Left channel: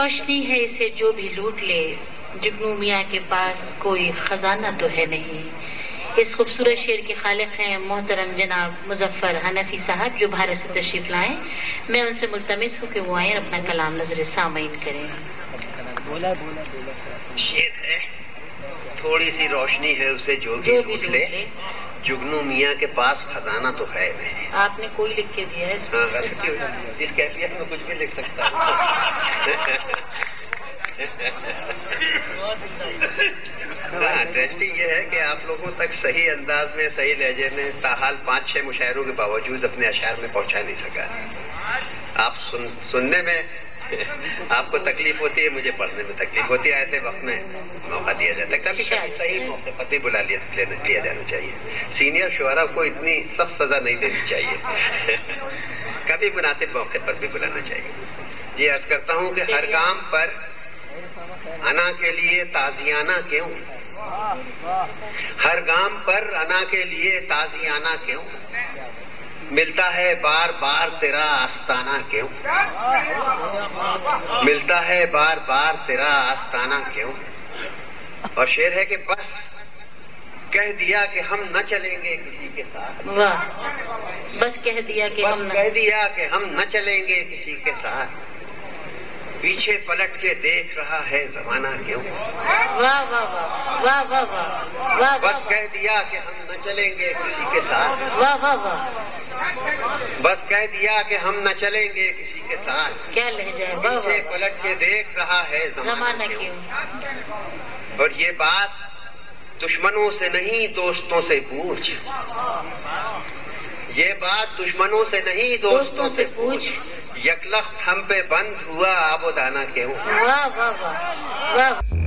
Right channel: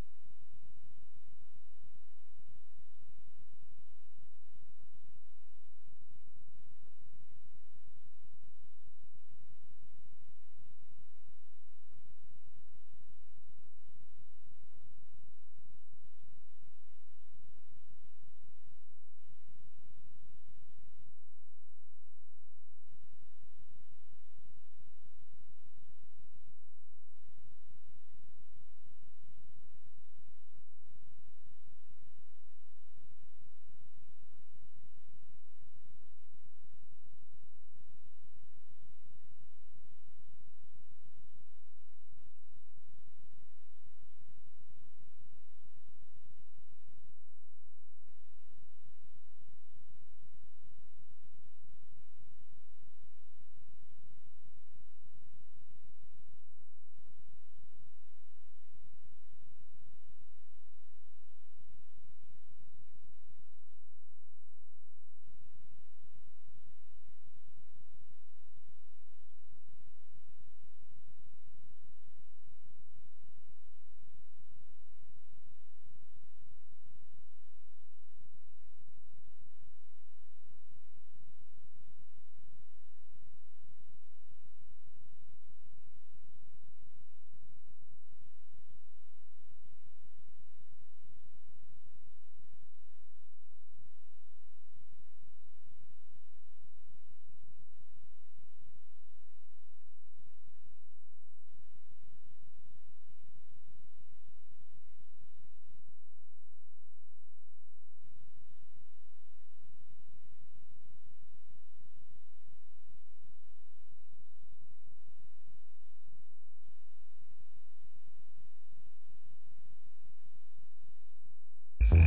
روشنی ہے اسے جو بھی لوٹ لے، جگنو میاں کے پاس کوئی خزانہ تو ہے نہیں۔ اس خوبصورت شعر کے خالق ہیں محترم جناب مظفر حنفی صاحب، جو بھارت سے تشریف لائیں۔ میں ان سے ملتمس ہوں کہ وہ آئیں اور اپنا کلام نظر سامعین کریں۔ شعر ہے، تھوڑی سی روشنی ہے اسے جو بھی لوٹ لے، جگنو میاں کے پاس خزانہ تو ہے نہیں۔ آپ نے کوئی لکھ کے دیا ہے اس ہاں، غلطی اس کیفیت میں کچھ بھی لکھ سکتا ہوں۔ ہاں، ٹریجڈی یہ ہے کہ آپ لوگوں تک صحیح انداز میں، صحیح لہجے میں تاحال 5-6 مشاعروں کے باوجود اپنے اشعار میں پہنچا نہیں سکا۔ آپ سننے میں آپ کو تکلیف ہوتی ہے، مجھے پڑھنے میں تکلیف ہوتی ہے۔ ایسے وقت میں موقع دیا جاتا ہے، کبھی کبھی صحیح موقع پر بھی بلا لیا جانا چاہیے۔ سینئر شعراء کو اتنی سخت سزا نہیں دینی چاہیے، کبھی مناسب موقع پر بھی بلانا چاہیے۔ جی عرض کرتا ہوں کہ ہر کام پر انا کے لیے تازیانہ کیوں، ہر گام پر انا کے لیے تازیانہ کیوں، ملتا ہے بار بار تیرا آستانہ کیوں، ملتا ہے بار بار تیرا آستانہ کیوں۔ اور شعر ہے کہ بس کہہ دیا کہ ہم نہ چلیں گے کسی کے ساتھ، واہ، بس کہہ دیا کہ ہم نہ چلیں گے کسی کے ساتھ، پیچھے پلٹ کے دیکھ رہا ہے زمانہ کیوں، واہ واہ واہ واہ واہ واہ واہ، بس کہہ دیا کہ ہم نہ چلیں گے کسی کے ساتھ، واہ واہ واہ، بس کہہ دیا کہ ہم نہ چلیں گے کسی کے ساتھ، کیا لہجہ ہے، واہ پیچھے واہ، پلٹ کے دیکھ رہا ہے زمانہ کیوں۔ کیوں۔ اور یہ بات دشمنوں سے نہیں دوستوں سے پوچھ، یہ بات دشمنوں سے نہیں دوستوں سے پوچھ، یک لخت ہم پہ بند ہوا آب و دانہ کیوں۔ واہ واہ واہ واہ۔